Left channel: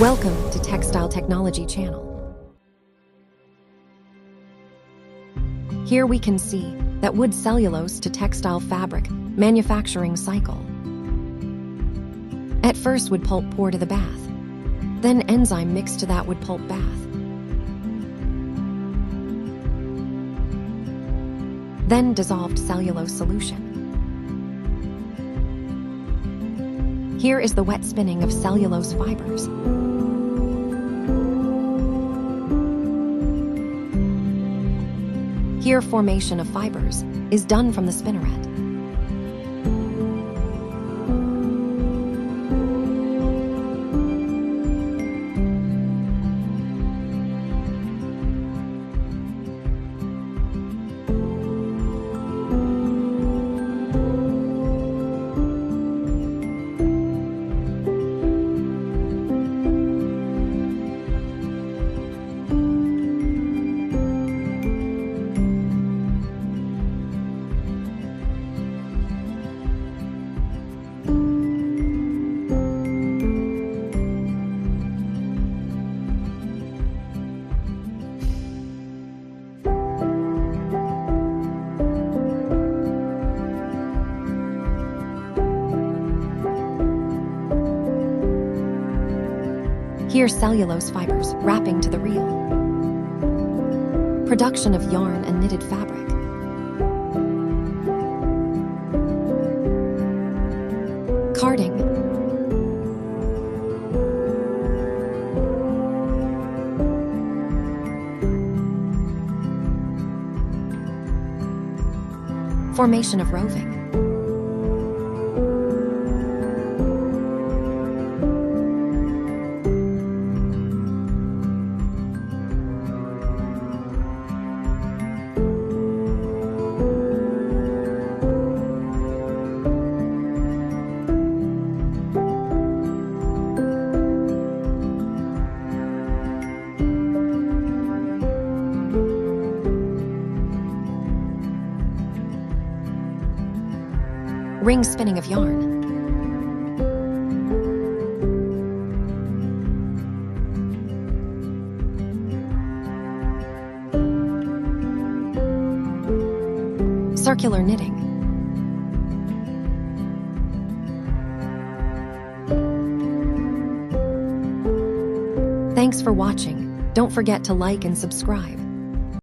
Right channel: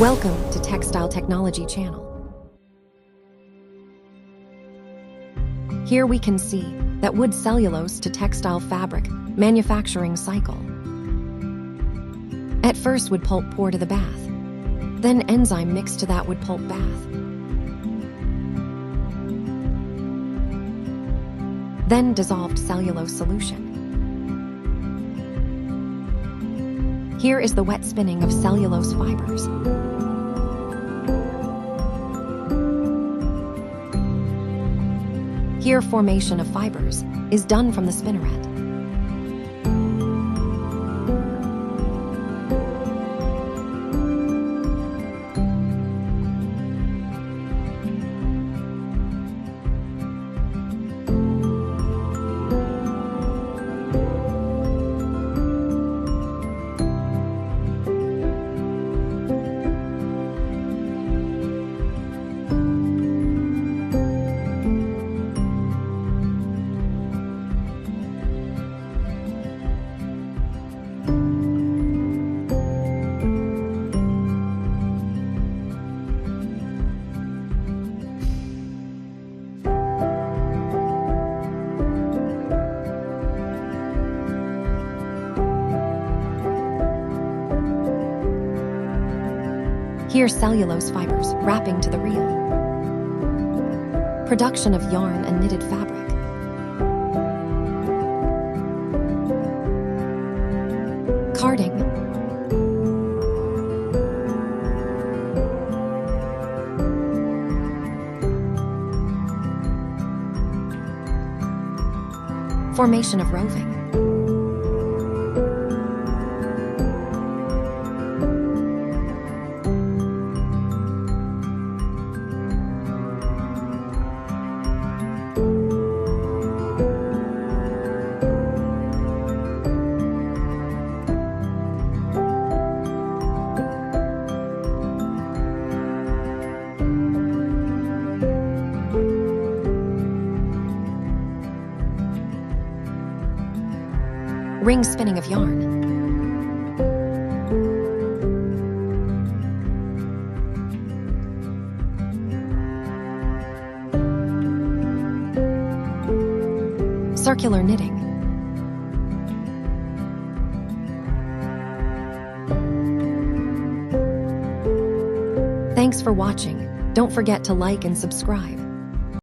Welcome to Textile Technology Channel. Here we can see that wood cellulose to textile fabric manufacturing cycle. At first, wood pulp pour to the bath, then enzyme mix to that wood pulp bath. Then dissolved cellulose solution. Here is the wet spinning of cellulose fibers. Here, formation of fibers is done from the spinneret. Here, cellulose fibers wrapping to the reel. Production of yarn and knitted fabric. Carding. Formation of roving. Ring spinning of yarn. Circular knitting. Thanks for watching. Don't forget to like and subscribe.